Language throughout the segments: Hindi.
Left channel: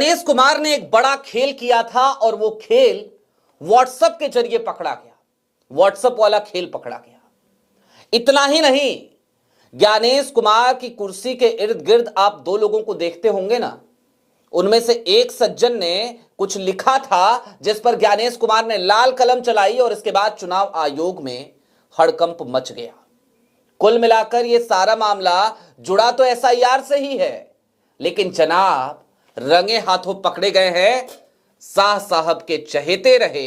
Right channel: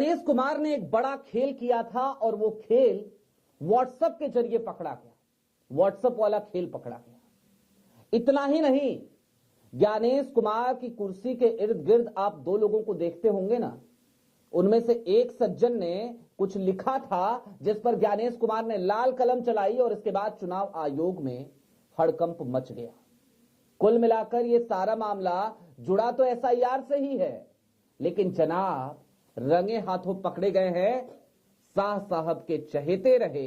ज्ञानेश कुमार ने एक बड़ा खेल किया था और वो खेल व्हाट्सएप के जरिए पकड़ा गया। व्हाट्सएप वाला खेल पकड़ा गया। इतना ही नहीं, ज्ञानेश कुमार की कुर्सी के इर्द गिर्द आप दो लोगों को देखते होंगे ना, उनमें से एक सज्जन ने कुछ लिखा था जिस पर ज्ञानेश कुमार ने लाल कलम चलाई और इसके बाद चुनाव आयोग में हड़कंप मच गया। कुल मिलाकर यह सारा मामला जुड़ा तो एसआईआर से ही है, लेकिन जनाब रंगे हाथों पकड़े गए हैं शाह साहब के चहेते रहे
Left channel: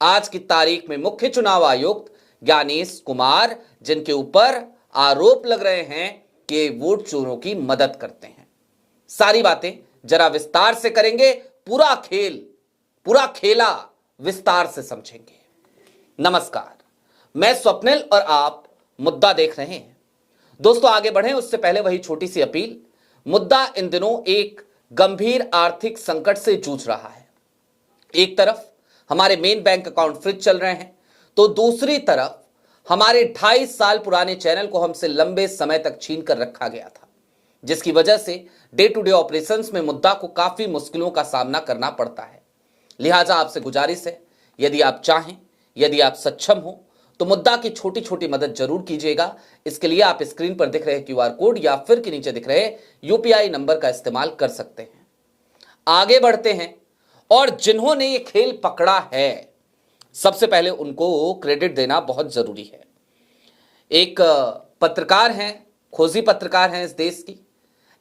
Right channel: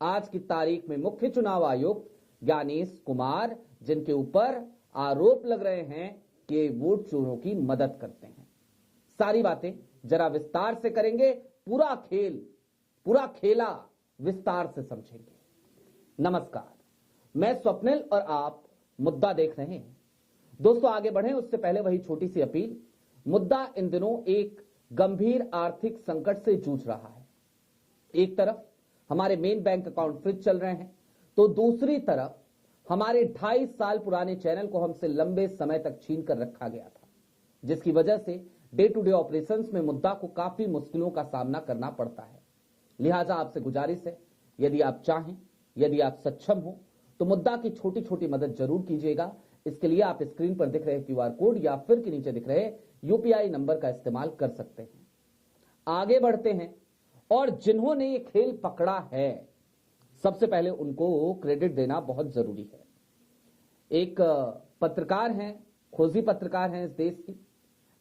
आज की तारीख में मुख्य चुनाव आयुक्त ज्ञानेश कुमार, जिनके ऊपर आरोप लग रहे हैं कि वोट चोरों की मदद करते हैं। सारी बातें जरा विस्तार से करेंगे, पूरा खेला विस्तार से समझेंगे। नमस्कार, मैं स्वप्निल और आप मुद्दा देख रहे हैं। दोस्तों आगे बढ़ें उससे पहले वही छोटी सी अपील। मुद्दा इन दिनों एक गंभीर आर्थिक संकट से जूझ रहा है। एक तरफ हमारे मेन बैंक अकाउंट फ्रीज चल रहे हैं, तो दूसरी तरफ हमारे 2.5 साल पुराने चैनल को हमसे लंबे समय तक छीन कर रखा गया था, जिसकी वजह से डे टू डे ऑपरेशंस में मुद्दा को काफी मुश्किलों का सामना करना पड़ता है। लिहाजा आपसे गुजारिश है, यदि आप चाहें, यदि आप सक्षम हो, तो मुद्दा की छोटी छोटी मदद जरूर कीजिएगा। इसके लिए आप स्क्रीन पर दिख रहे क्यूआर कोड या फिर के नीचे दिख रहे यूपीआई नंबर का इस्तेमाल कर सकते हैं। आगे बढ़ते हैं, और जिन्होंने ये खेल पकड़ा है सबसे पहले उनको क्रेडिट देना बहुत जरूरी है। एक पत्रकार हैं, खोजी पत्रकार हैं इस देश की,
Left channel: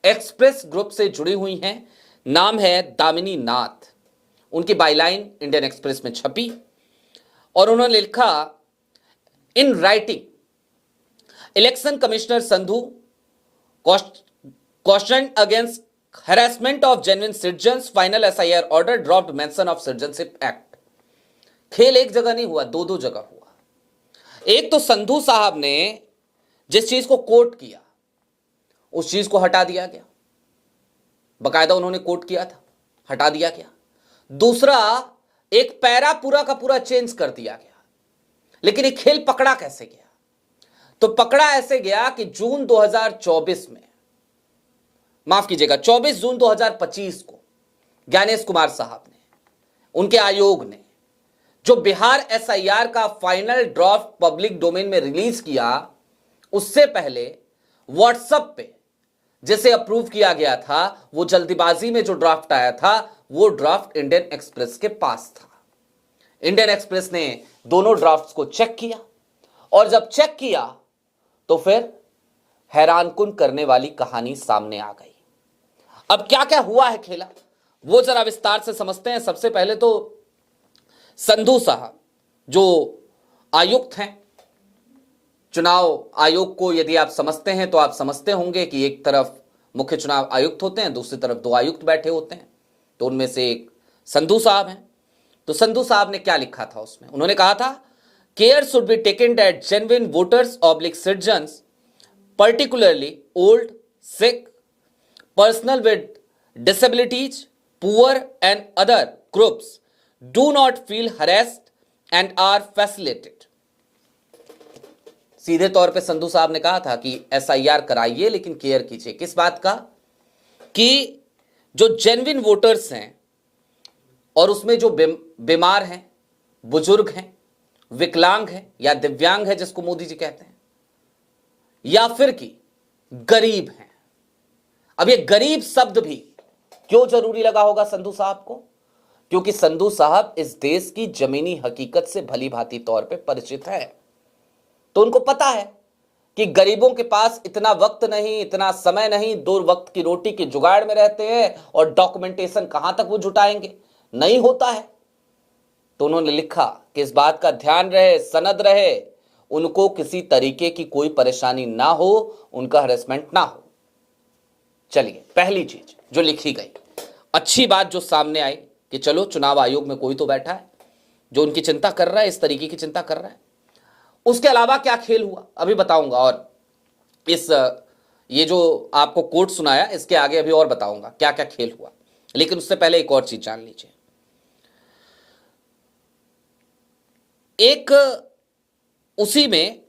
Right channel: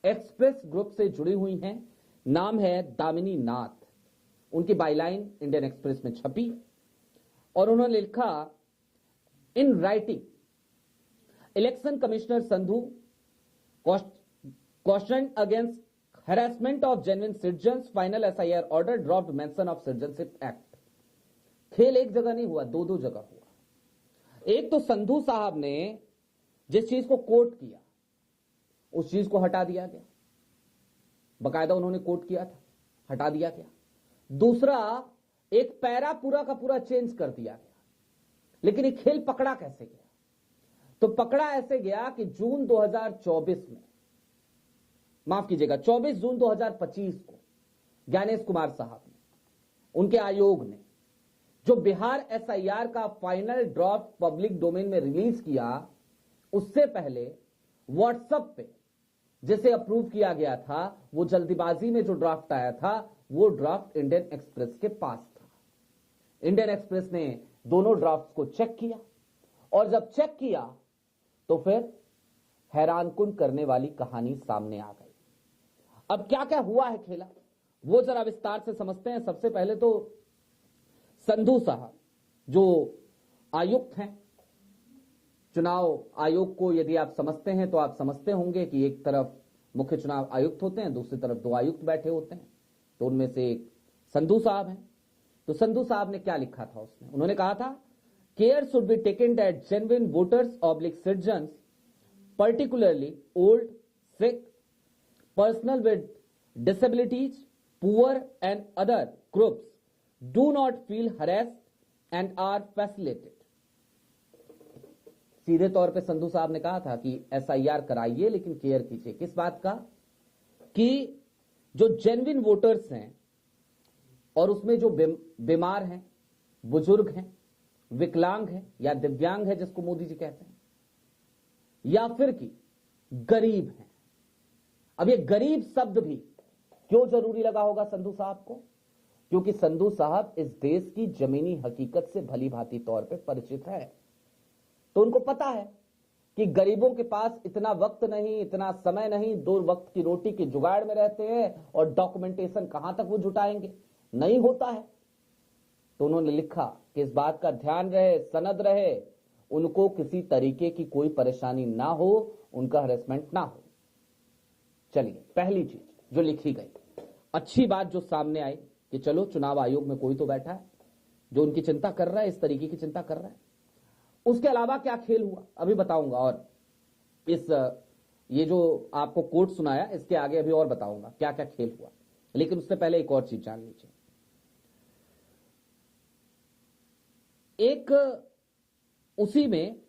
एक्सप्रेस ग्रुप से जुड़ी हुई हैं, नाम है दामिनी नाथ। उनकी बायलाइन इंडियन एक्सप्रेस में छपी और उन्होंने लिखा, in writing election commissioner Sandhu cautioned against harassment of genuine citizens, final SIR order dropped mention of citizenship act। खेल एक जगह नहीं हुआ, दो जगह हुआ। एक तो संधू साहब ने जिस चीज को कोट किया उस चीज को हटा दिया गया, बकायदा उन्होंने कोट किया था, हटा दिया गया। दूसरा, एक पैरा पूरा का पूरा चेंज कर दिया गया। लेकिन ये खेल पकड़ा कैसे गया? तो पकड़ा ऐसे गया कि जून 2024 में, माफ कीजिएगा 24 जून 2025 को ज्ञानेश कुमार साहब ने, उनके आयोग ने जो बिहार एसआईआर का फाइनल ड्राफ्ट पब्लिक डोमेन में रिलीज किया, उससे पहले व्हाट्सएप पे जिसे अप्रूव किया गया था, वो जल्दीबाजी में जो ड्राफ्ट आया था, वो ड्राफ्ट इंडियन एक्सप्रेस के पास था। इंडियन एक्सप्रेस ने दोनों ड्राफ्ट्स को चेक किया और जब चेक किया तो फिर हैरानकुन करने वाली कहानी सामने आ गई। अब क्या क्या हुआ है खेला, वो जरा विस्तार से समझते हैं। सबसे पहले तो संधू साहब जो आयुक्त हैं, चुनाव आयोग को यदि आप समझते हैं तो आप समझते होंगे कि एक तरफ मुख्य चुनाव आयुक्त होते हैं, दूसरी तरफ 2 आयुक्त बैठे होते हैं, तो उनमें से एक संधू साहब हैं। तो संधू साहब ने क्या लिखा था उसमें? उन्होंने कहा था, care should be taken that genuine voters oblique citizens, particularly old, sick, personnel with disabilities, poor and other groups do not feel harassed and are facilitated। सीधे तौर पे संधू साहब ने कहा था कि एसआईआर कराइए लेकिन केयर कीजिए। किस बात का? कि जो जेन्युइन वोटर्स हैं और उसमें जो बीमार हैं, बुजुर्ग हैं, विकलांग हैं या दिव्यांग है जिसको मोदी जी कहते हैं, या फिर कि गरीब हैं। अब ये गरीब शब्द भी क्यों जरूरी लगा होगा संधू साहब को? क्योंकि संधू साहब इस देश की जमीनी हकीकत से भली भांति तौर पे परिचित है। तो उनको पता है कि गरीबों के पास इतना वक्त नहीं, इतना समय नहीं, 2 वक्त की रोटी के जुगाड़ में रहते हैं और डॉक्यूमेंटेशन कहां तक वो जुटाएंगे, नहीं होता है। तो उन्होंने लिखा कि इस बात का ध्यान रहे, सनद रहे, उनको किसी तरीके की कोई परेशानी ना हो, उनका हरेसमेंट ना हो। चलिए, पहली चीज जो लिखी गई, अच्छी बात जो सामने आई कि चलो चुनाव आयोग में कोई तो बैठा है जो उनकी चिंता कर रहा है, इस तरीके की चिंता कर रहा है। उसके अलावा क्या खेल हुआ अभी बताऊंगा, और ये जो आपको कोट सुनाया इसके आगे अभी और बताऊंगा क्या क्या खेल हुआ। लेकिन उससे पहले एक और चीज जान लीजिए। एक उसी में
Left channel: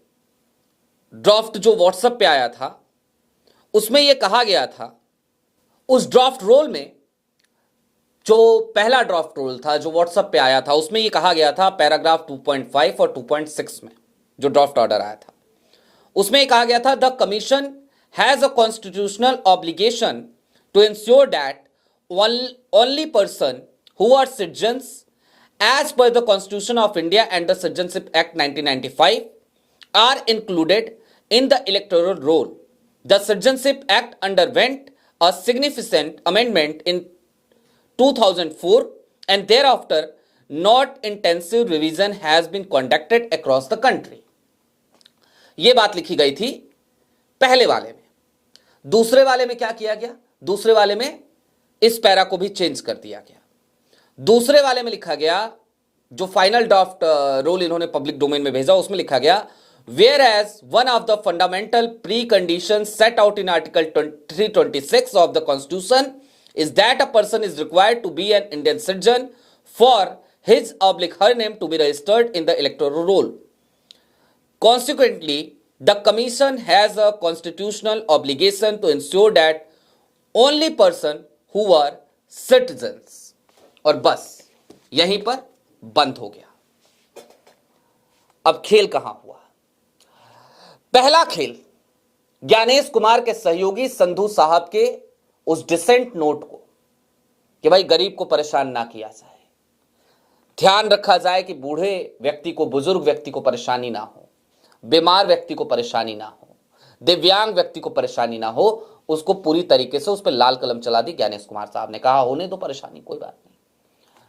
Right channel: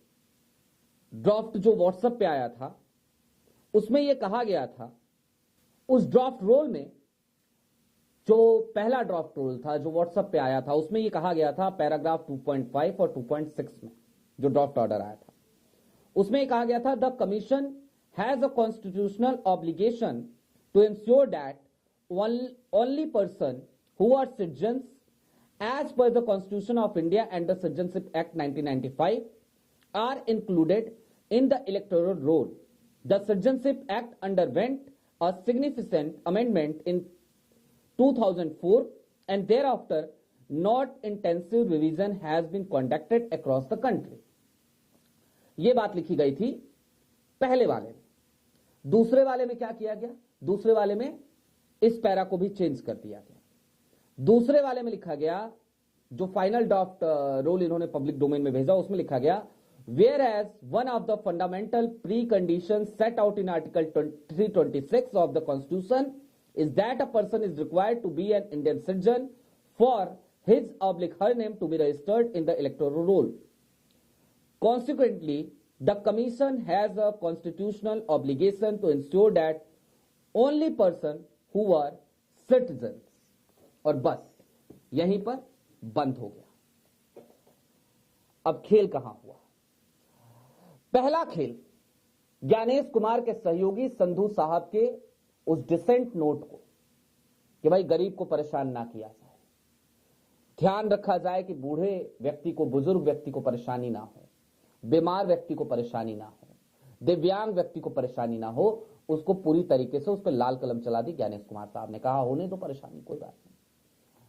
ड्राफ्ट जो व्हाट्सएप पे आया था, उसमें यह कहा गया था, उस ड्राफ्ट रोल में जो पहला ड्राफ्ट रूल था जो व्हाट्सएप पे आया था, उसमें ये कहा गया था पैराग्राफ 2.5 और 2.6 में, जो ड्राफ्ट ऑर्डर आया था उसमें ये कहा गया था, the commission has a constitutional obligation to ensure that only person who are citizens as per the Constitution of India and the Citizenship Act 1995 are included in the electoral roll. The Citizenship Act underwent a significant amendment in 2004 and thereafter not intensive revision has been conducted across the country. ये बात लिखी गई थी पहले वाले में। दूसरे वाले में क्या किया गया? दूसरे वाले में इस पैरा को भी चेंज कर दिया गया। दूसरे वाले में लिखा गया, जो फाइनल ड्राफ्ट रोल इन्होंने पब्लिक डोमेन में भेजा, उसमें लिखा गया, whereas one of the fundamental precondition set out in article 326 of the constitution is that a person is required to be an Indian citizen for his oblique her name to be registered in the electoral roll. Consequently, the commission has a constitutional obligation to ensure that only person who are citizens. और बस यहीं पर बंद हो गया. अब खेल कहां हुआ? पहला खेल ज्ञानेश कुमार के सहयोगी संधू साहब के उस डिसेंट नोट को कि भाई गरीब को परेशान ना किया जाए, ध्यान रखा जाए कि बूढ़े व्यक्ति को, बुजुर्ग व्यक्ति को परेशानी ना हो, बीमार व्यक्ति को परेशानी ना हो, दिव्यांग व्यक्ति को परेशानी ना हो, उसको पूरी तरीके से उस पर लाल कलम चला दी ज्ञानेश कुमार साहब ने. कहा होने दो परेशानी, कोई बात नहीं.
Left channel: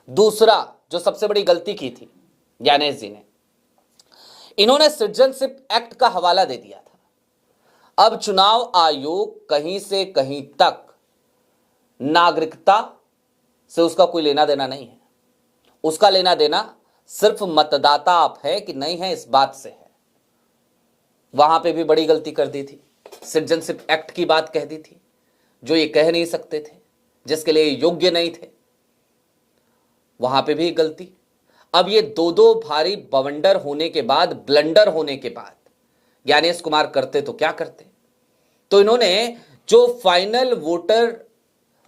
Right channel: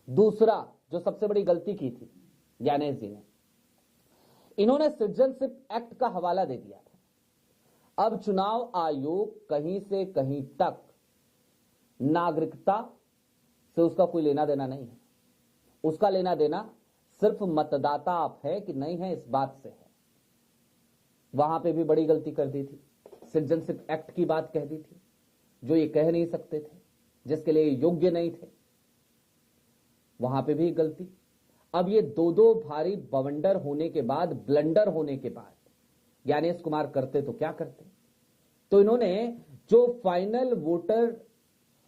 दूसरा जो सबसे बड़ी गलती की थी ज्ञानेश जी ने, इन्होंने सिटीजनशिप एक्ट का हवाला दे दिया था. अब चुनाव आयोग कहीं से कहीं तक नागरिकता से उसका कोई लेना देना नहीं है. उसका लेना देना सिर्फ मतदाता आप है कि नहीं है इस बात से है. वहां पे भी बड़ी गलती कर दी थी. सिटीजनशिप एक्ट की बात कह दी थी जो ये कह नहीं सकते थे, जिसके लिए योग्य नहीं थे. वहां पे भी गलती. अब ये दो भारी बवंडर होने के बाद, ब्लंडर होने के बाद ज्ञानेश कुमार करते तो क्या करते? तो इन्होंने जो final voter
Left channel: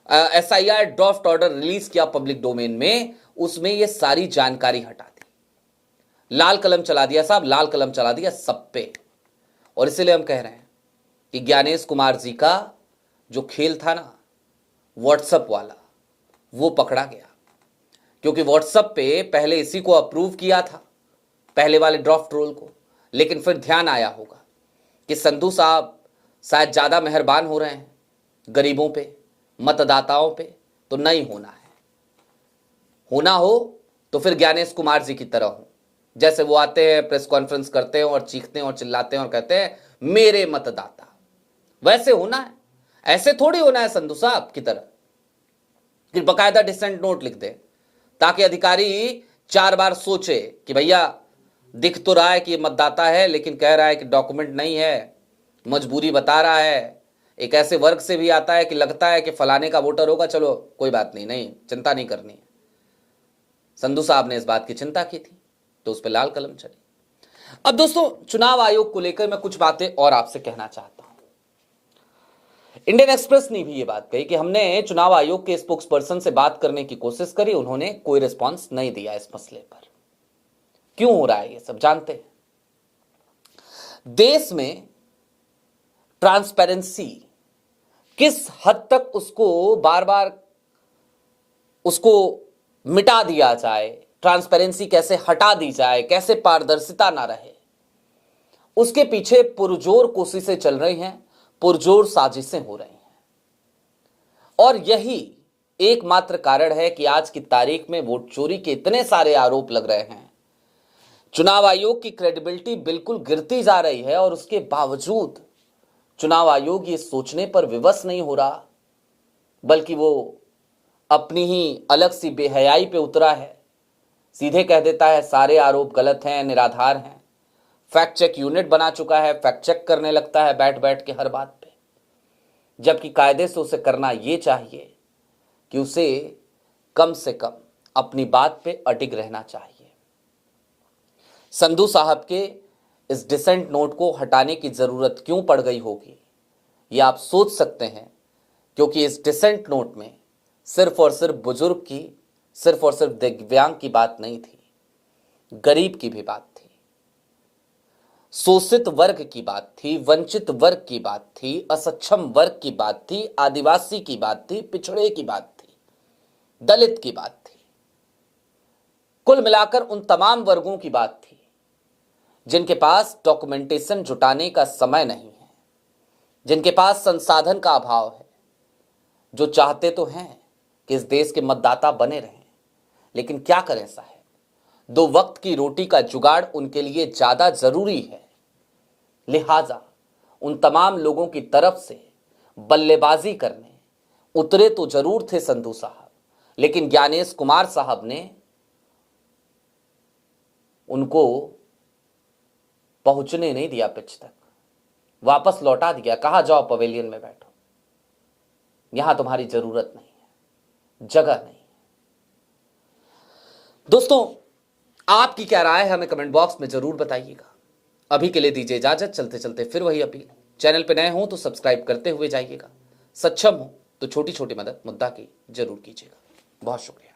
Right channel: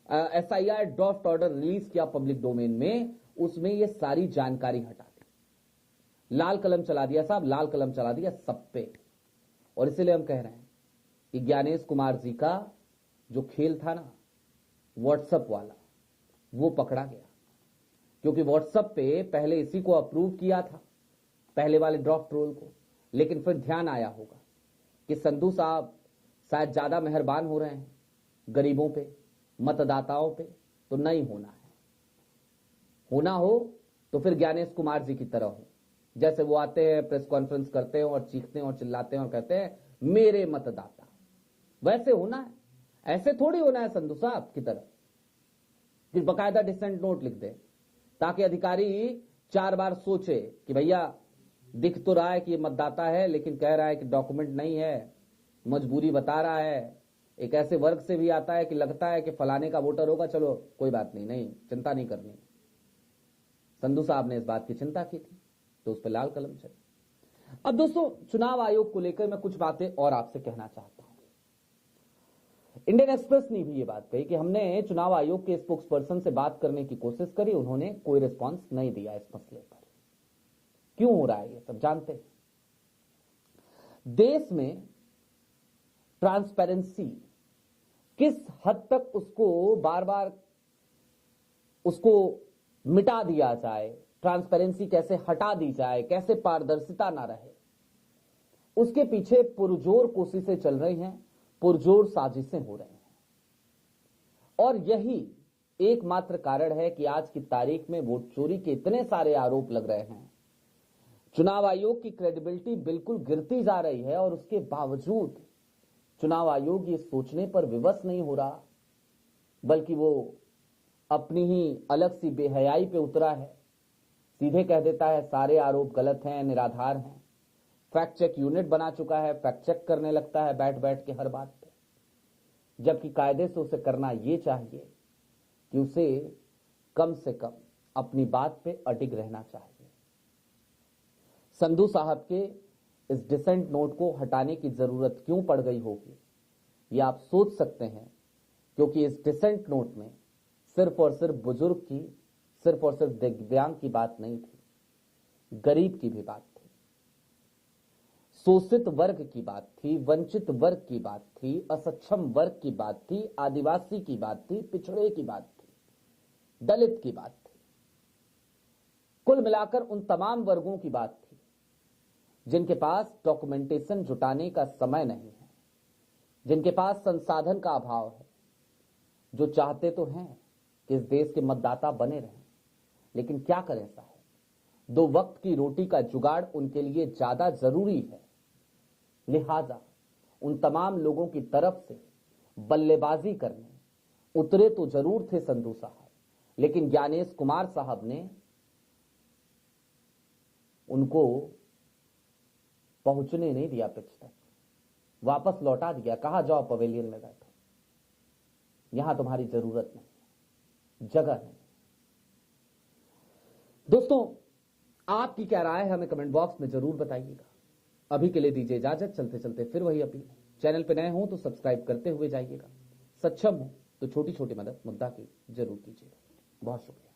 SIR draft order release किया पब्लिक डोमेन में, उसमें ये सारी जानकारी हटा दी, लाल कलम चला दिया साहब, लाल कलम चला दिया सब पे. और इसीलिए हम कह रहे हैं कि ज्ञानेश कुमार जी का जो खेल था ना व्हाट्सएप वाला, वो पकड़ा गया. क्योंकि व्हाट्सएप पे पहले इसी को अप्रूव किया था, पहले वाले ड्राफ्ट रोल को, लेकिन फिर ध्यान आया होगा कि संधू साहब शायद ज़्यादा मेहरबान हो रहे हैं गरीबों पे, मतदाताओं पे, तो नहीं होना है. होना हो तो फिर ज्ञानेश कुमार जी की तरह हो, जैसे वो आते हैं, प्रेस कॉन्फ्रेंस करते हैं और चीखते हैं और चिल्लाते हैं और कहते हैं मेरे मतदाता. वैसे होना है, ऐसे थोड़ी होना है संधू साहब की तरह कि बकायदा डिसेंट नोट लिख दे, ताकि अधिकारी 4 बार सोचे कि भैया दिख तो रहा है कि ये मतदाता है, लेकिन कह रहा है कि डॉक्यूमेंट नहीं है, मजबूरी बता रहा है. एक ऐसे वर्ग से भी आता है कि लगता है कि फलाने का वोटर होगा, चलो कोई बात नहीं, नहीं चिंता नहीं करनी. संधू साहब ने इस बात की चिंता की थी तो उस पर लाल कलम चली. अब दोस्तों, चुनाव आयोग को लेकर मैं कुछ बातें और आपसे कहना चाहता हूं. इंडियन एक्सप्रेस ने भी ये बात कही कि हमने चुनाव आयोग के स्पोक्स पर्सन से बात करने की कोशिश करी, उन्होंने कोई रिस्पांस नहीं दिया इस मसले पर. क्यों हो रहा है ये सब जानते हैं. देश में ट्रांसपेरेंसी किस हद तक उसको बार बार उसको मिटा दिया जाए, ट्रांसपेरेंसी कैसे हटा दी जाए, कैसे पारदर्शिता ना रहे, उसके पीछे पुरजोर कोशिशें चल रही हैं, पुरजोर साजिशें हो रही हैं. और यही एकमात्र कारण है कि आज की तारीख में वोट चोरी के इतने सारे आरोप लग रहे हैं. चुनाव आयोग की क्रेडिबिलिटी बिल्कुल गिरती जा रही है और उसके बावजूद चुनाव आयोग ये सोचने पर विवश नहीं हो रहा, बल्कि वो अपनी ही अलग सी बेहयाई पे उतरा है. सीधे कह देता है सारे आरोप गलत हैं, निराधार हैं. फैक्ट चेक यूनिट बना चुका है, फैक्ट चेक करने लगता है बैठ बैठ के हर बात पे, जबकि कायदे से उसे करना ये चाहिए कि उसे कम से कम अपनी बात पे अडिग रहना चाहिए. संधू साहब के इस डिसेंट नोट को हटाने की जरूरत क्यों पड़ गई होगी, ये आप सोच सकते हैं, क्योंकि इस डिसेंट नोट में सिर्फ और सिर्फ बुजुर्ग की, सिर्फ और सिर्फ दिव्यांग की बात नहीं थी, गरीब की भी बात थी, शोषित वर्ग की बात थी, वंचित वर्ग की बात थी, असक्षम वर्ग की बात थी, आदिवासी की बात थी, पिछड़े की बात थी, दलित की बात थी। कुल मिलाकर उन तमाम वर्गों की बात थी जिनके पास डॉक्यूमेंटेशन जुटाने का समय नहीं है, जिनके पास संसाधन का अभाव है, जो चाहते तो हैं कि इस देश के मतदाता बने रहें, लेकिन क्या करें साहब, 2 वक्त की रोटी का जुगाड़ उनके लिए ज्यादा जरूरी है। लिहाजा उन तमाम लोगों की तरफ से बल्लेबाजी करने उतरे तो जरूर थे संधू साहब, लेकिन ज्ञानेश कुमार साहब ने उनको पहुंचने नहीं दिया पिच तक, वापस लौटा दिया, कहा जाओ पवेलियन में बैठो, यहां तुम्हारी जरूरत नहीं है, जगह नहीं। दोस्तों, आपकी क्या राय है हमें कमेंट बॉक्स में जरूर बताइएगा। अभी के लिए दीजिए इजाजत, चलते चलते फिर वही अपील, चैनल पे नए हो तो सब्सक्राइब करते हुए जाइएगा, सक्षम हो तो छोटी छोटी मदद मुद्दा की जरूर कीजिएगा। बहुत शुक्रिया।